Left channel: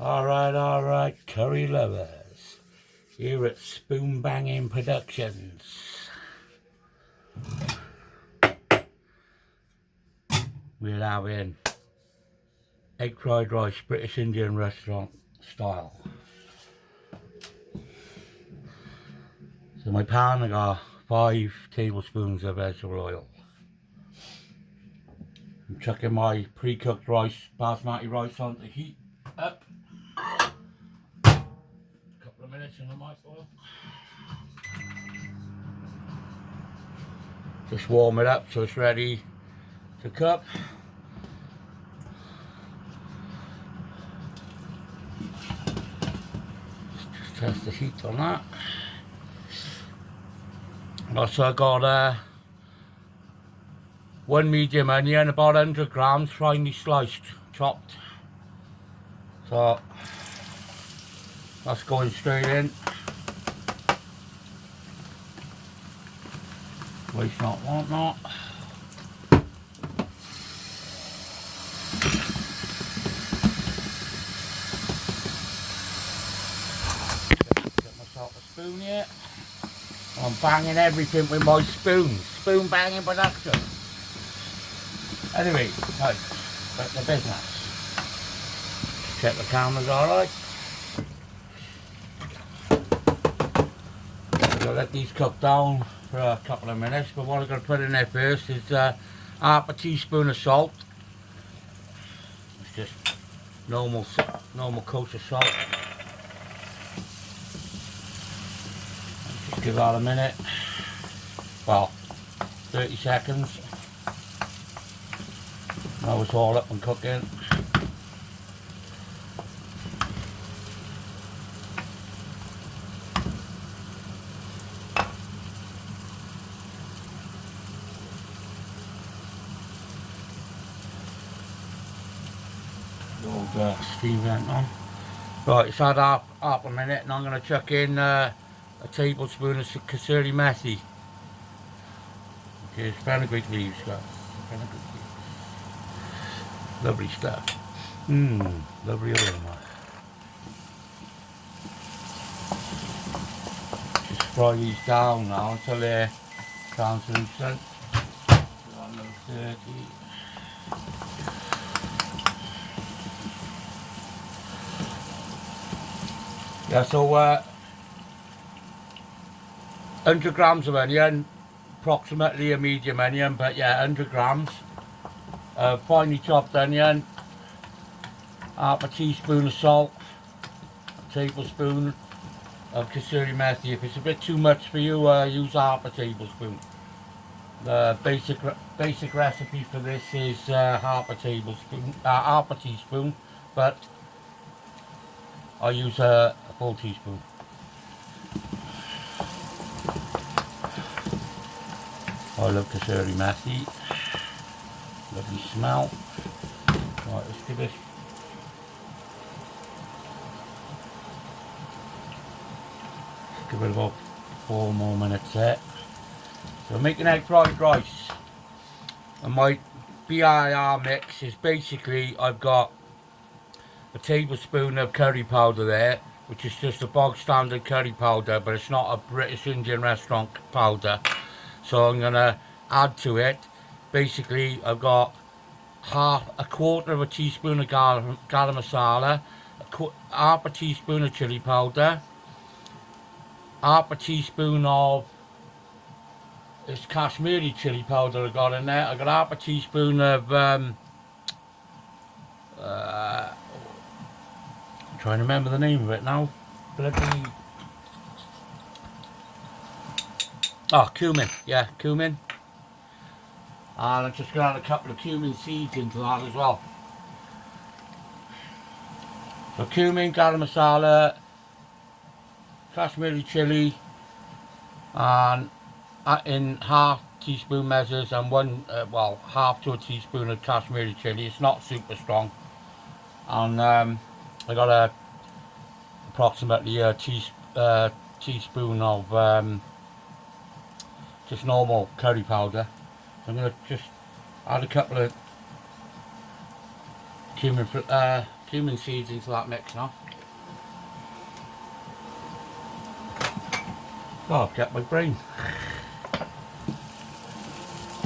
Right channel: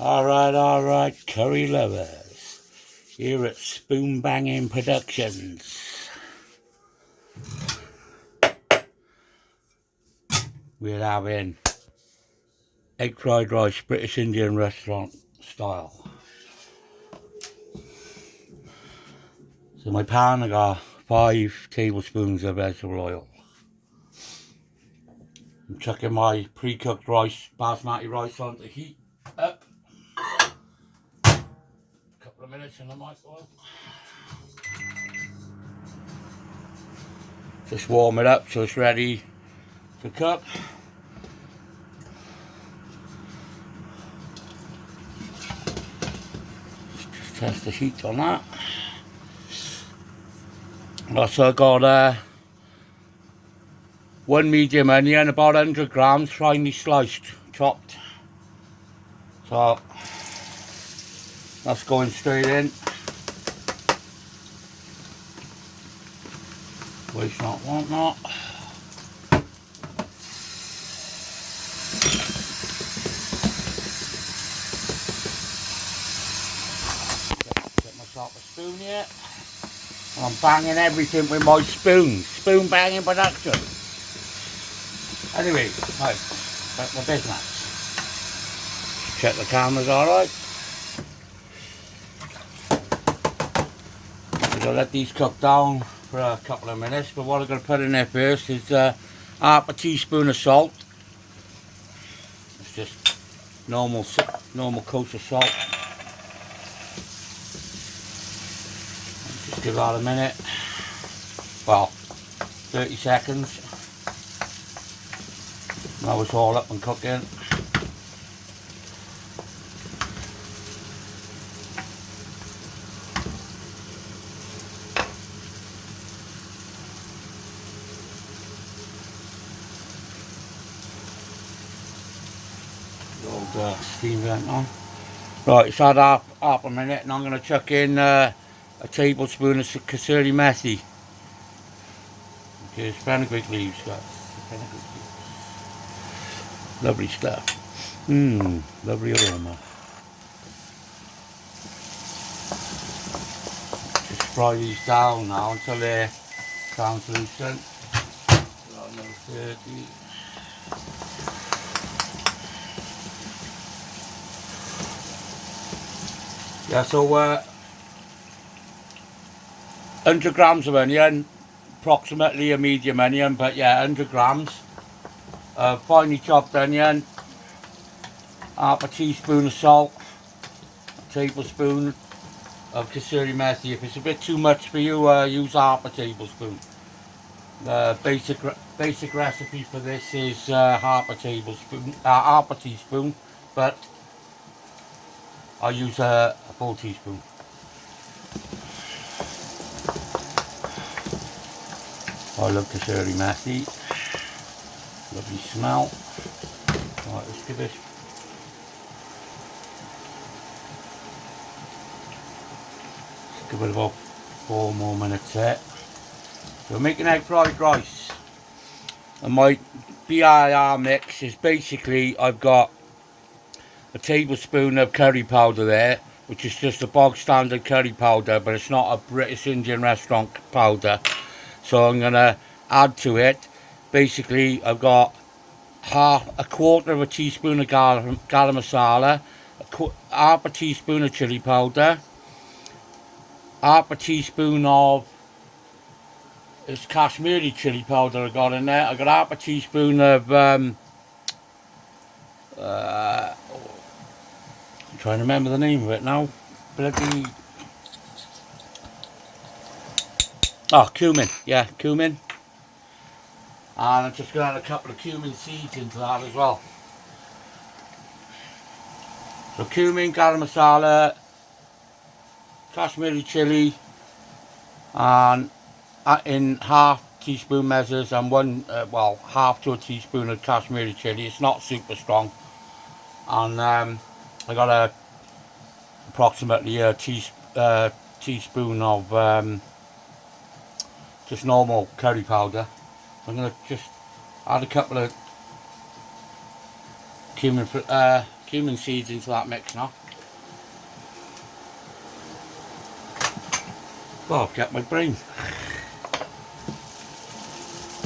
Alright, curry lovers. Here at Spoon Banging Productions. We're having egg fried rice, British Indian restaurant style. So my pan, I got 5 tablespoons of vegetable oil. I'm chucking my pre-cooked rice, basmati rice on to heat up. A couple of minutes in the microwave. Just warm it up so it's ready to cook. Just test the heat on that. Also got 1 medium onion, about 100 grams, finely sliced, chopped. So that's going straight in. Waste not, want not. Get myself a spoon here. And I'm banging everything with my spoons. Spoon banging production. Anyway, right, back to business. Check the camera's alright. I'm going to let these cook down for a couple of minutes, but what I'm going to put in there first is half a teaspoon of salt. It's just normal kosher salt. Just give that a minute. Well, 30 seconds. Now it's all up and cooking. Old steam vent on. Right, it's had half a minute, and I'm going to chuck in a tablespoon of kasuri methi. Okay, fenugreek leaves, guys. Fenugreek leaves. Lovely stuff. Lovely aroma. Just fry these down now until they're translucent. Another 30. Yeah, so 100 grams of onion, approximately a medium onion, but yeah, 100 grams. Finely chopped onion, half a teaspoon of salt, a tablespoon of kasuri methi. If it's a bit too much for you, use half a tablespoon. The basic recipe for this is half a teaspoon, but I use a full teaspoon. I love kasuri methi. Lovely smell. Right, let's give this. Give it about 4 more minutes there. So we're making egg fried rice. And my BIR mix is basically, I've got a tablespoon of curry powder there, which is just a bog standard curry powder, but it's not a British Indian restaurant powder. So I'm going to add to it. Basically, I've got a quarter of a teaspoon of garam masala, half a teaspoon of chili powder, half a teaspoon of this Kashmiri chili powder I got in there. I got half a teaspoon of I'm trying to remember the name of it now. Bloody cumin. Yeah, cumin. And I'm just going to add a couple of cumin seeds into that as well. So cumin, garam masala, Kashmiri chili, and in half teaspoon measures, and half to a teaspoon of Kashmiri chili. It's not super strong. And I got approximately a teaspoon of just normal curry powder. I'm going to just add a couple of cumin cumin seeds into that mix now. Oh, I've got my brain.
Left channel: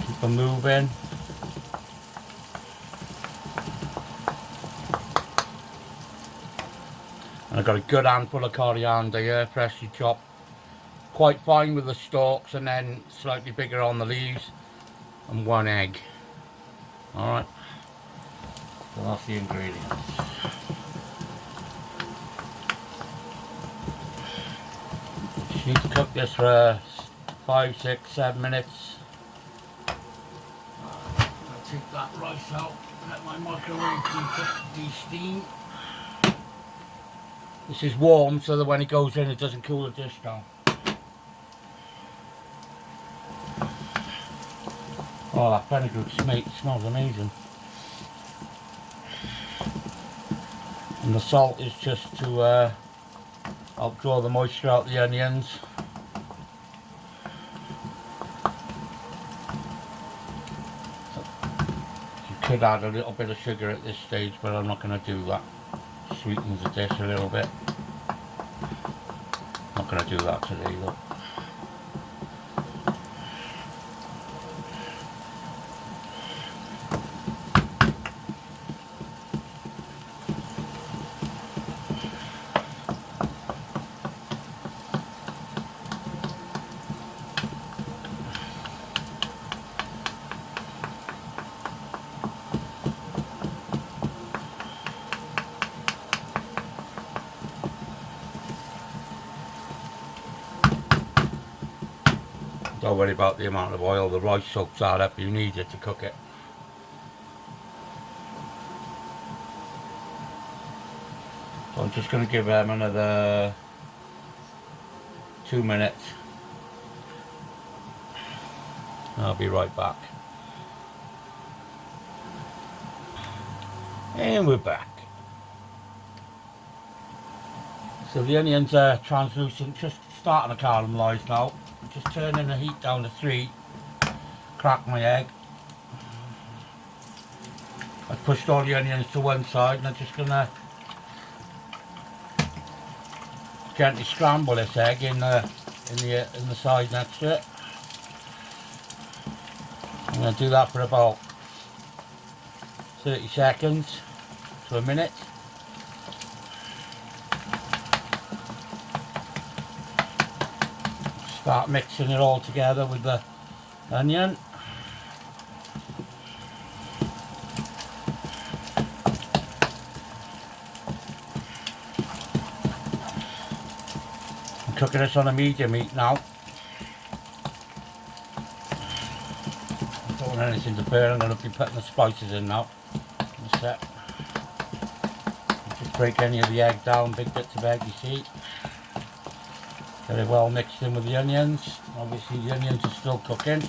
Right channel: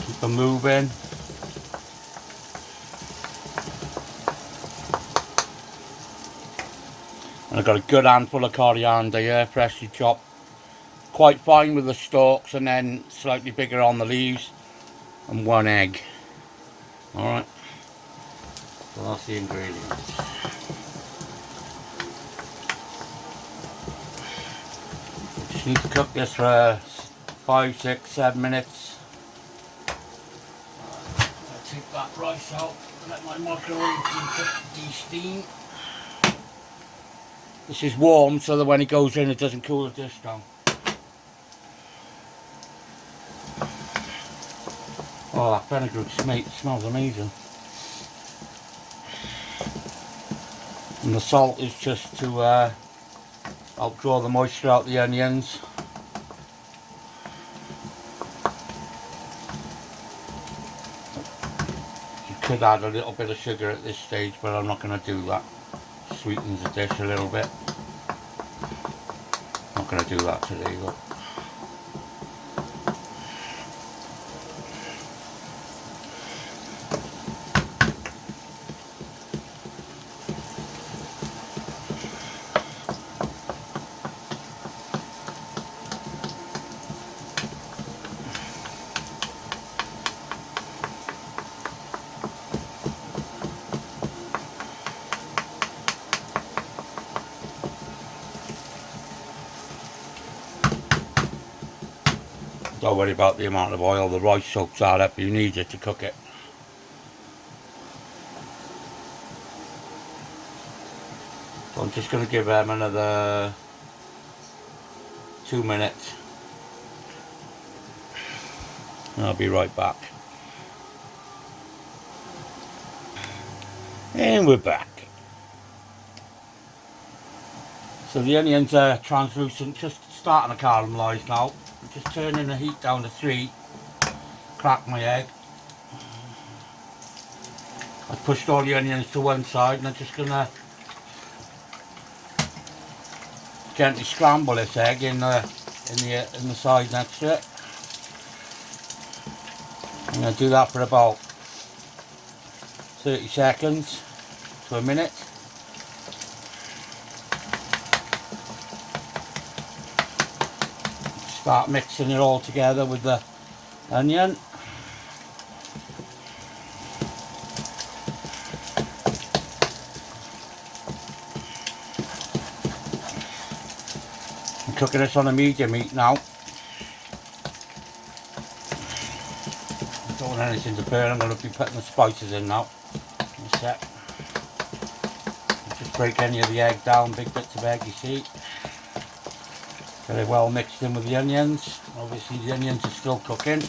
Keep them moving. And I've got a good handful of coriander here, freshly chopped. Quite fine with the stalks, and then slightly bigger on the leaves. And 1 egg. Alright. So that's the ingredients. Just need to cook this for 5, 6, 7 minutes. I'll take that rice out, let my microwave de-steam. This is warm so that when it goes in it doesn't cool the dish down. Oh, that fenugreek smells amazing. And the salt is just to help draw the moisture out the onions. You could add a little bit of sugar at this stage, but I'm not going to do that. Sweetens the dish a little bit. Not going to do that today though. Don't worry about the amount of oil, the rice soaks that up, you need it to cook it. So I'm just going to give them another 2 minutes. And I'll be right back. And we're back. So the onions are translucent, just starting to caramelise now. Just turning the heat down to 3, crack my egg. I've pushed all the onions to one side and I'm just going to gently scramble this egg in the side next to it. I'm going to do that for about 30 seconds to a minute. Start mixing it all together with the onion. I'm cooking this on a medium heat now. Don't want anything to burn. I'm going to be putting the spices in now. That's it. Just break any of the egg down, big bits of egg you see. Very well mixed in with the onions. Obviously the onions are still cooking.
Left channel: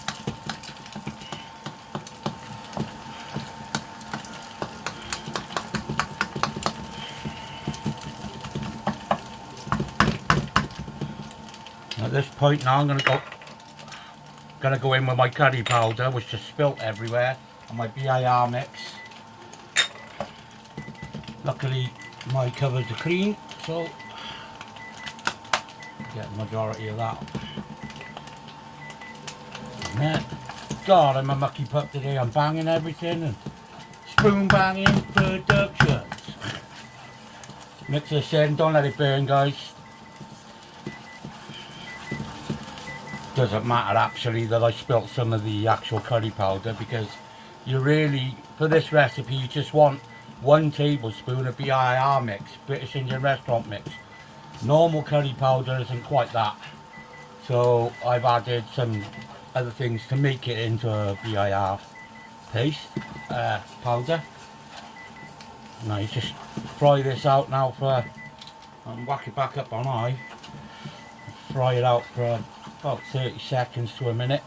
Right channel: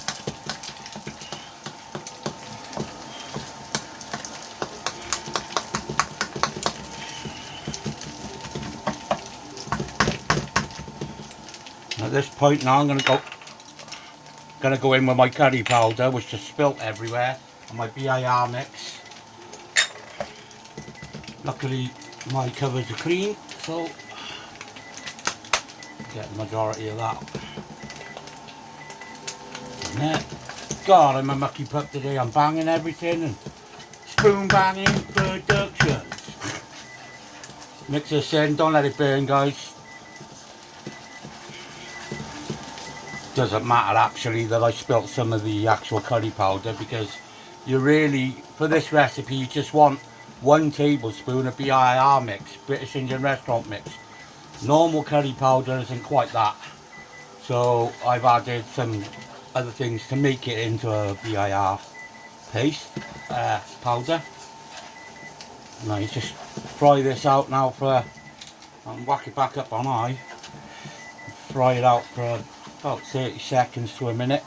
At this point now I'm going to go in with my curry powder, which just spilt everywhere, and my BIR mix. Luckily my cupboards are clean, so get the majority of that. And then, God, I'm a mucky pup today. I'm banging everything and spoon banging productions. Mix this in, don't let it burn, guys. Doesn't matter actually that I spilt some of the actual curry powder, because you really, for this recipe, you just want 1 tablespoon of BIR mix, British Indian restaurant mix. Normal curry powder isn't quite that, so I've added some other things to make it into a BIR paste, powder. Now you just fry this out now for, and whack it back up on high, fry it out for about 30 seconds to a minute.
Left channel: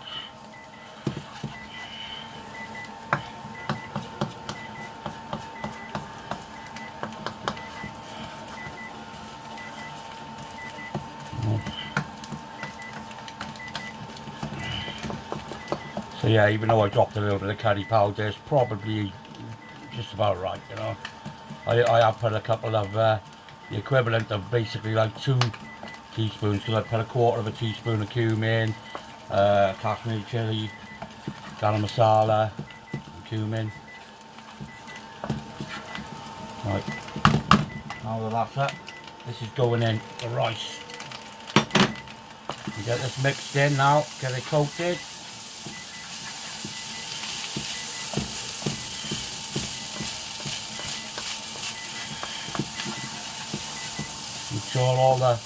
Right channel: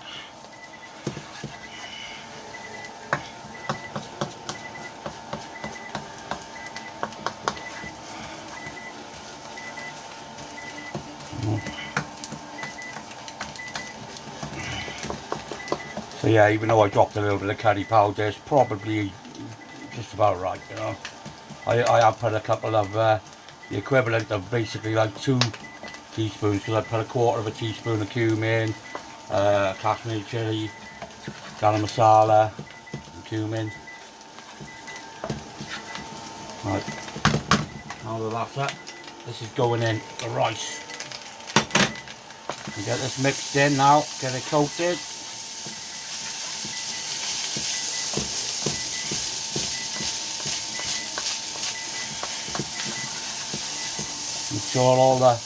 So yeah, even though I dropped a little bit of curry powder, it's probably just about right, you know. I have put a couple of the equivalent of basically like 2 teaspoons, because I put a quarter of a teaspoon of cumin, Kashmiri chili, garam masala, and cumin. Right, now that that's up, this is going in the rice. You get this mixed in now, get it coated. Make sure all the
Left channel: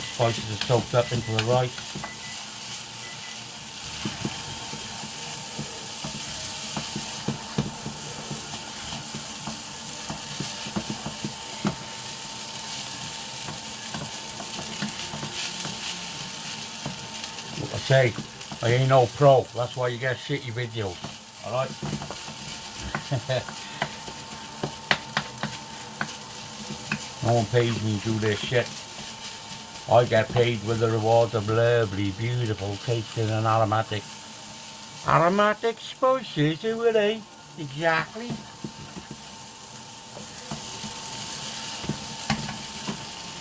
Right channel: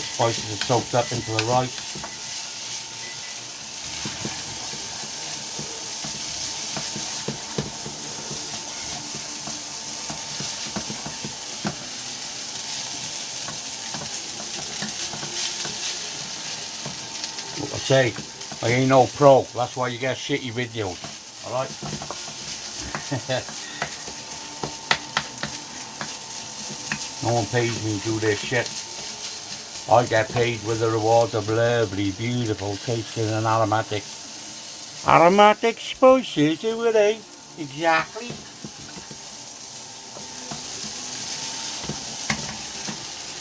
spices are soaked up into the rice. Like I say, I ain't no pro, that's why you get shitty videos, alright? No one pays me to do this shit. I get paid with the rewards of lovely, beautiful, tasting and aromatic spices, who are they? Exactly.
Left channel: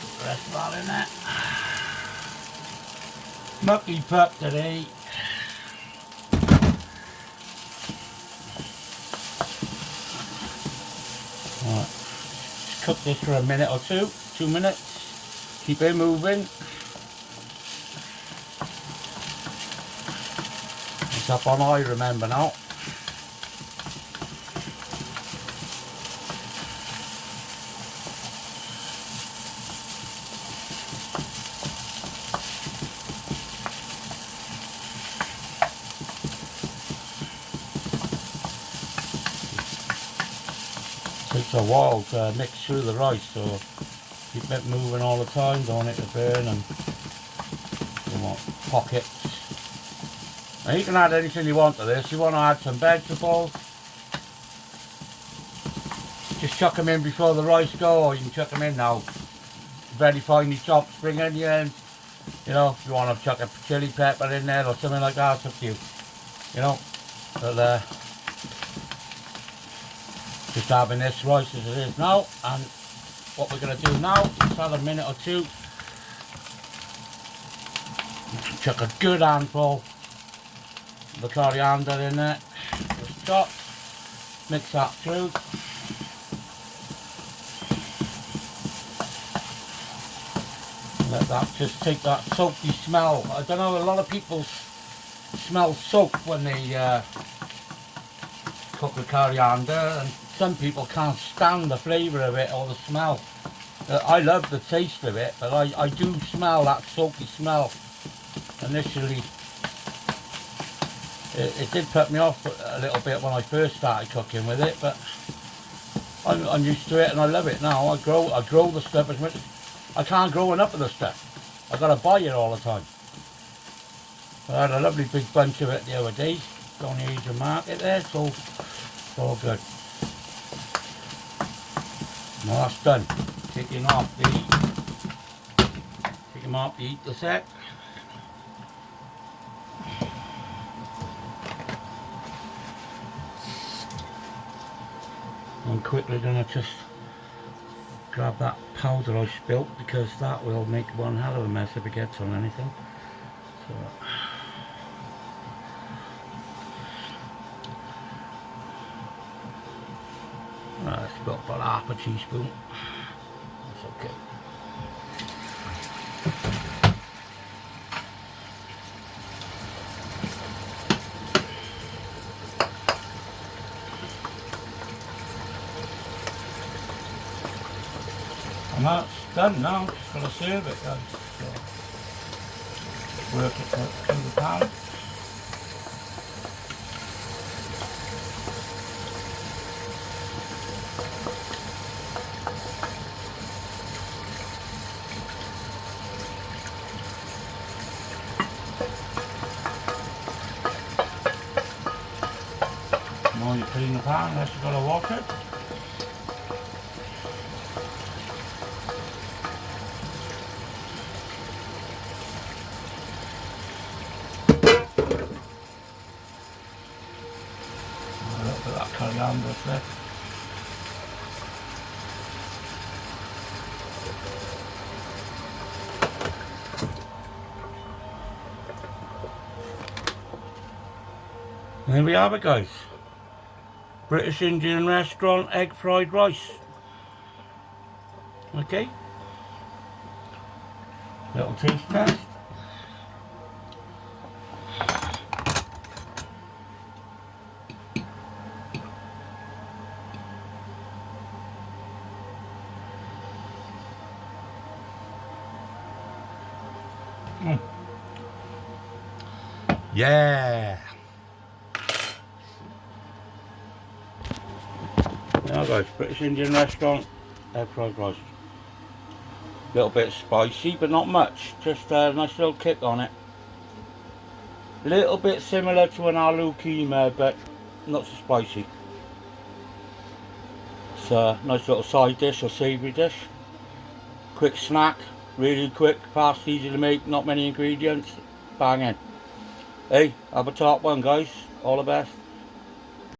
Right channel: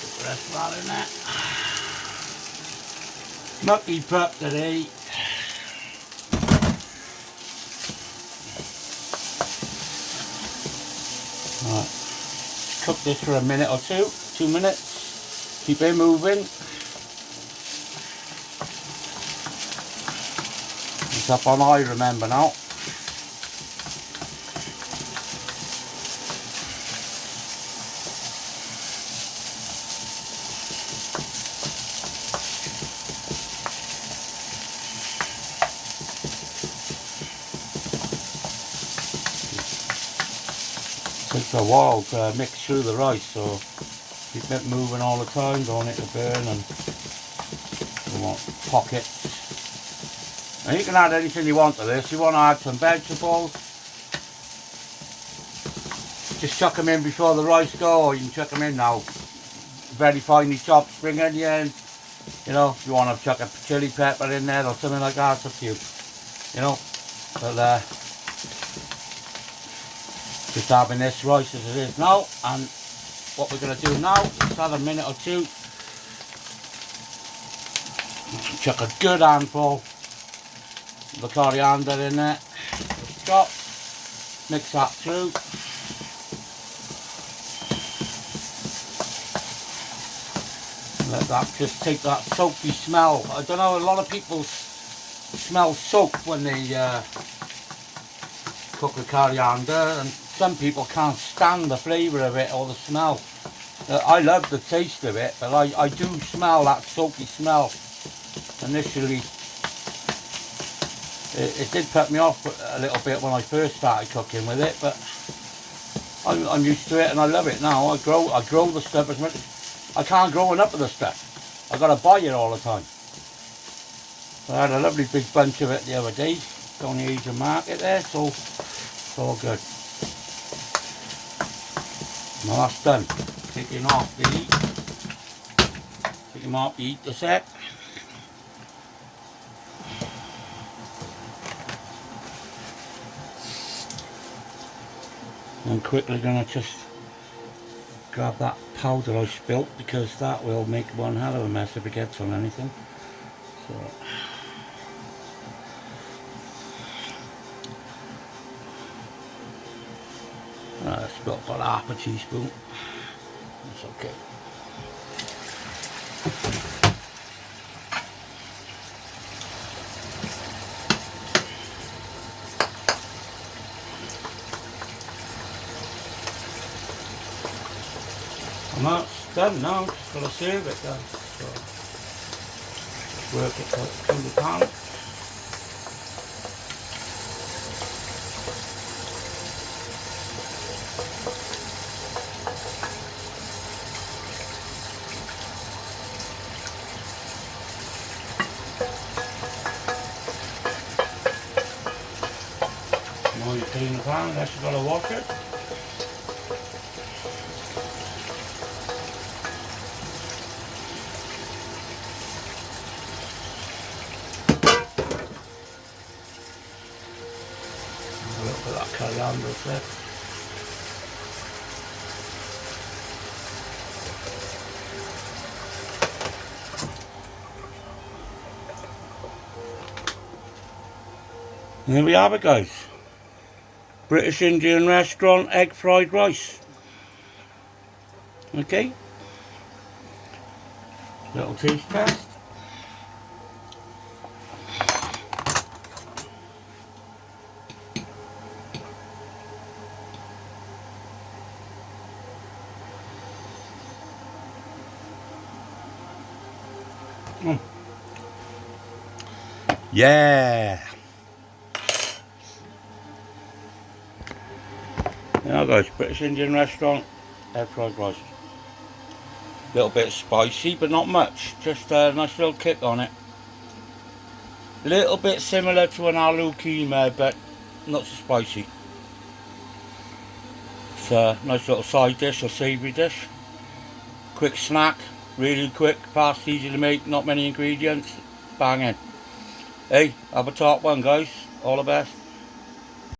Put the rest of that in there. Mucky pup today. Right. Cook this for a minute or 2 minutes. Keep it moving. It's up on high, remember now. Takes a while to mix through the rice, so keep it moving all the time, don't want it to burn and you want pockets. Now you can add anything you want to this. You want to add some vegetables, just chuck them in before the rice go, or you can chuck them in now. Very finely chopped spring onions, you know, if you want to chuck a chili pepper in there or something like that, it's up to you, you know. But just having this rice as it is now, and what we're going to do now is add a minute or 2. Chuck a good handful of the coriander in there, just chop, mix that through. Let that just take that soapy smell. I don't know, a lot of people smell soap when they cook the coriander, and some people can't stand the flavour of it or the smell. I love the taste of it, but I do smell that soapy smell. Initially, it did put me off a little bit when I first started cooking with it, but I'm used to it and I love it now. I grow the stuff as much. I can't grow enough of the stuff. I got to buy it all the time. So I had a lovely big bunch of it the other day on the Asian market there, so it's all good. Now that's done. Taking off the heat a sec. I'm quickly going to just grab that powder I spilt, because that will make one hell of a mess if it gets on anything. So I spilt about half a teaspoon. That's okay. And that's done now, just got to serve it then. So work it through the pan. Now you put it in the pan, unless you've got to wash it. stand a sec. And there we have it, guys. British Indian restaurant egg fried rice. Okay. Little taste test. Yeah. Now guys, British Indian restaurant, egg fried rice. Little bit spicy, but not much. Just a nice little kick on it. Little bit similar to an aloo keema, but not so spicy. It's a nice little side dish or savoury dish. Quick snack, really quick, fast, easy to make, not many ingredients. Banging. Hey, have a top one, guys. All the best.